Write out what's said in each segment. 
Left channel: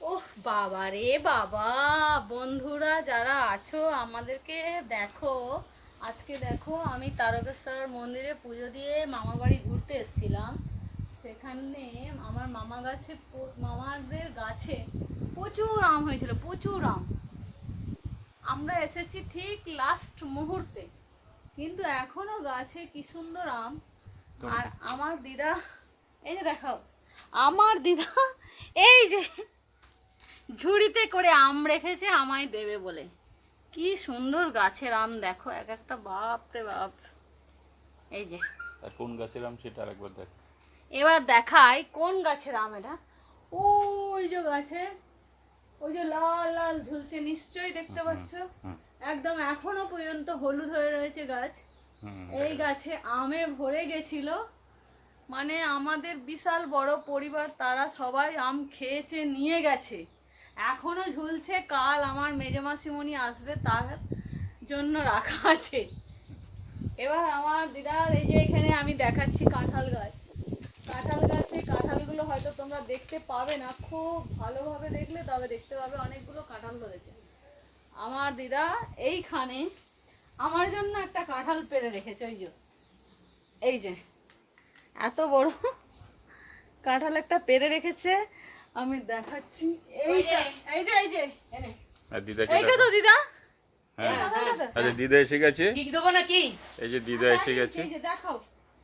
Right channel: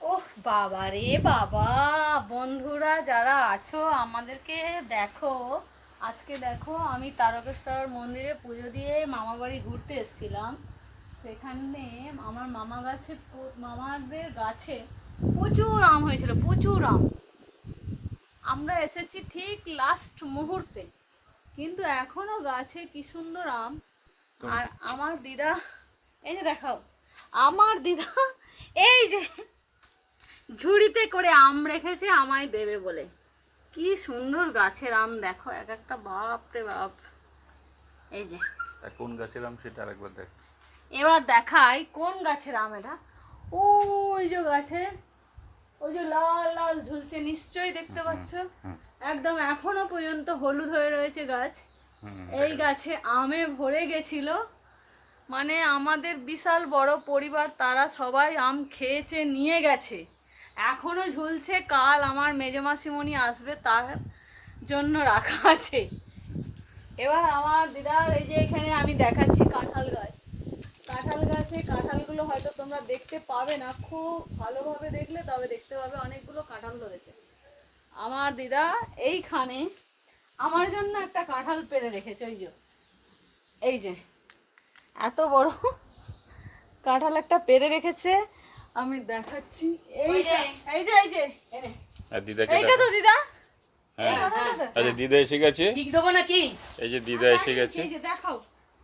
ওহ বাবা রে বাবা, বন্ধুরা যারা আছো আমাদেরকে দেখো। আজকে দেখো আমি তারকেশ্বর মন্দিরে পুজো দিয়ে মামা বাড়ি ঘুরতে এসেছিলাম। সেখানে আমার মামাদের গাছে প্রচুর আম হয়েছিল, প্রচুর আম। আমরা এসেছি ঠিক লাস্ট মুহূর্তে, কিন্তু এখনো গাছে কি সুন্দর আম। আর আমার দিদা, এই যে দেখাও, আমার দিদা এই যে ঝুড়িতে করে আম রেখেছে আমায় দেবে বলে। কি সুন্দর গাছের আম দেখো, এক একটা বাপ রে বাপ। এই যে কোন গাছের আম সেটা আরেকবার দেখ। এবার দেখাই কোন গাছের আম এটা। ওই যে গাছে, ওই যে লাল লাল ঝুলছে, নিশ্চয়ই দেখতে পাচ্ছ। একদম এখনো পর্যন্ত হলুদ হয়ে রয়েছে গাছ। এই গাছে আমে ভরে গেছিল, মানে আমাদের বিশাল বড় পরিবার, তারা সবাই আম খেয়েছে, নিয়ে গেছে, এখনো ঝুলছে। কাল আমার মেজো মাসিমণি আসবে, তার জন্য রাখা আছে। এবার আমার দিদার এই যে এখানে আমি দেখাচ্ছি কাঁঠাল গাছ। কাঁঠাল গাছে কাঁঠালগুলো হয়তো তোমরা দেখতে পাবে না, খুব ভালোভাবে দেখলে তবে দেখতে পাবে অনেকগুলো কাঁঠাল ধরেছে। আমার দিদা এইখানে আমার জন্য একটা কাঁঠাল পেড়ে রেখেছে। ওই যে, এই যে এত বড় কাঁঠাল একটা পেড়ে রেখেছে, আমি দেখাচ্ছি। এইটা, এই যে এই যে এইটা তো দিদা। হ্যাঁ, আচ্ছা দিদা এসে গেছে। ঠিক দেবো নাকি? এই যে দিদা এসে গেছে। এই যে দেখাও।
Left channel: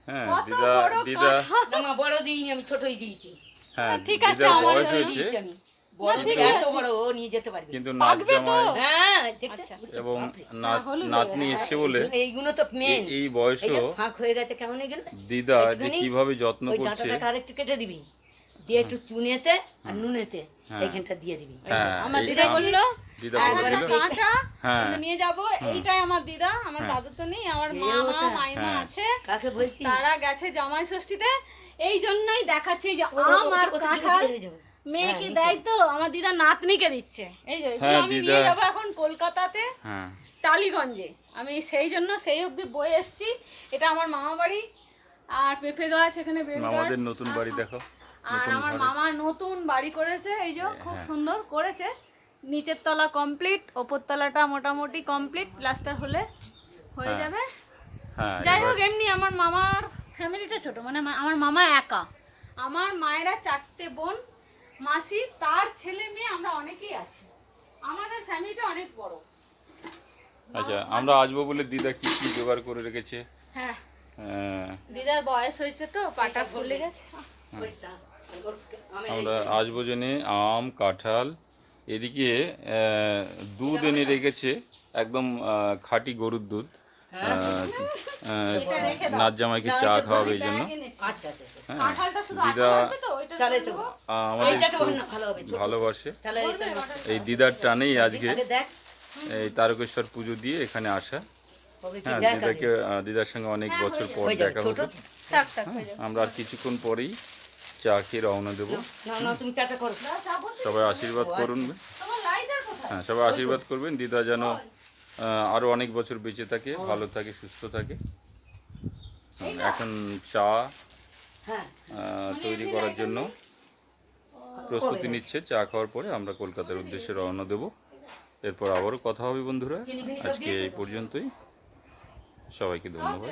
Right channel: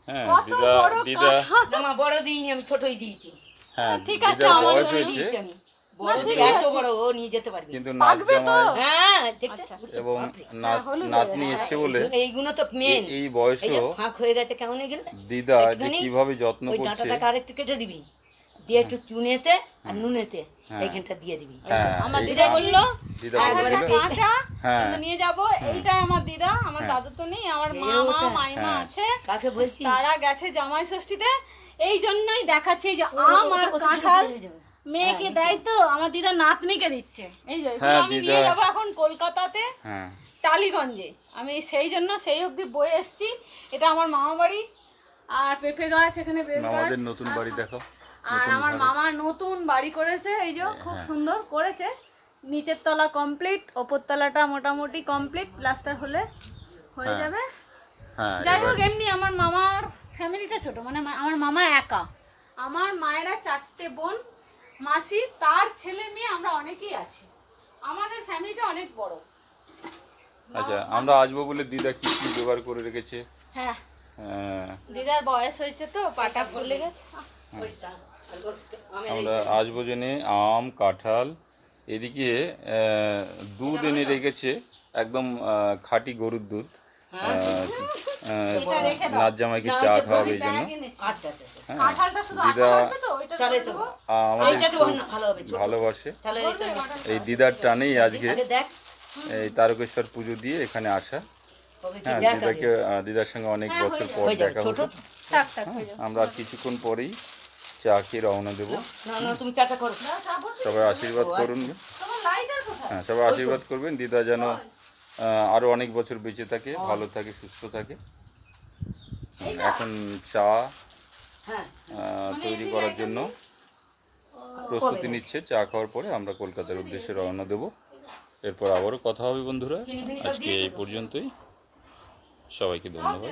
হ্যাঁ, কত দিদা বড় দিদা কাঁঠাল। না বড় দিইনি, আমি ছোটই দিয়েছি। হ্যাঁ, ঠিক আছে, দিদার আমার বয়স জন্য হয়েছে দিয়েছি আমি। বড় ঠিক দিলে এত আছে। বড় ও নিয়ে যেতে পারবে। কিন্তু নাচ পাকবে তো? জামাই হ্যাঁ, দেখতে আচ্ছা। এবং হলুদ হয়ে নাতনি গেছে। এসছে বলে এইগুলো তো মেন। এই বয়সেও ফাঁক হয়ে গেছে কেমন হয়ে গেল। দিদা যে একটুখানি কিভাবে যত্ন ওই করছে। ডাঁটাটাকে আরেকটু কেটে দিবি, দিয়ে একটু চুনেতে আর নুনেতে এইখানটা দিয়ে দিবি। হ্যাঁ, আমার এই দিদা আম- বললো দিদা একটা বলে দিল। কাঁচা হ্যাঁ। কিন্তু নিয়ে যাব। এইটাই আমার দিদা, আমার দাদু তো নেই, আমার মামা ওটা। মাইমা হ্যাঁ। আছে, কাকে বলছি? তারা গেছে জামাই ষষ্ঠীতে। এই জন্যই দেখাচ্ছে যে ও, আম আর ওটা কাঁঠাল দিয়ে যাবে। মেয়েকে দেয় তো, আমার দিদা নাতনিকে দিচ্ছে। এই যে এগুলো হ্যাঁ, আমি দিদা। নিয়ে যাবো এখন কলকাতাতে, হ্যাঁ, টালিগঞ্জে। আমি সেই জন্য সেই অবধি বয়ে এসছি। এটা আমার মামা বাড়ি, আর পেঁপে গাছ এখানে, বেল গাছ। আমাদের নতুন বাড়ি দেখো। আর নতুন আমার ঘরে। মামা নতুন বাড়ি করেছে, এই যে খুব হ্যাঁ। সুন্দর করেছে। নিচের তলা কমপ্লিট, ওপর তলাটা মোটামুটি কমপ্লিট, প্লাস্টার হলে হয়ে হ্যাঁ। যাবে। হ্যাঁ, যাই এবার হোক, এমনি আমার মামার ফ্যামিলিটা ছোট, মানে আমার মামা একা। আমার মায়েরা 4টে বোন, মাসি, তার ছেলে মেয়ে, আমরা অনেকেই আছি। আমাদের ফ্যামিলিটা অনেক বড়। আচ্ছা, আমরা আসবো বলে দিদা কি কি জোগাড় করে রেখেছে। হ্যাঁ, হ্যাঁ, দিদার বয়স হয়েছে তো, পাটা ফুলে গেছে। আমরা আসবো জেনে আম, কাঁঠাল, এদিকে দুধ এনে রেখেছে, একদম খাঁটি গরুর দুধ। এটা রেখে দাও। নাচ জামাইকে চা খাওয়াবে এই জন্য। আচ্ছা আচ্ছা আচ্ছা। হ্যাঁ, কাঁঠালটা শুধু দিদা আঠা লাগবে তো, ওইটা তাহলে করে তো দেবো। আমাদের এইটা তো খুব ভালো হবে, ছোট। ভালোবাসে। তাহলে এটা এই দিদার টানেই আজকে আগে দেখ এই তারকেশ্বর পুজো দিয়ে এখানে আসা। হবে কি হ্যাঁ, দেখ আগে। দিদাকে দিদার সঙ্গে অনেক বছর পর হয়ে যাবে দেখা ছোট। হলো। থাক থাক হয়ে যাবে। আমরা আর কিছুক্ষণ পরেই চা খেয়ে রওনা দেবো। না না তুমি চাটা করো। দাও, চা বসিয়ে সবাই আশীর্বাদ করুন। তোমার লাইটার কোথায়? হ্যাঁ, সবাই আশীর্বাদ করবেন দিদা যেন আরো অনেক বছর বেঁচে থাকে, ভালো থাকে, সুস্থ থাকে। এখন চা হ্যাঁ তৈরি করার জন্য প্রস্তুতি নিচ্ছে। চা খাওয়ার পরে আমরা কলকাতার উদ্দেশ্যে রওনা দেব। এরপর আবারও কথা হবে বন্ধুরা। চিনি ফিনি সব আজকে এই পর্যন্তই। সবাইকে ধন্যবাদ।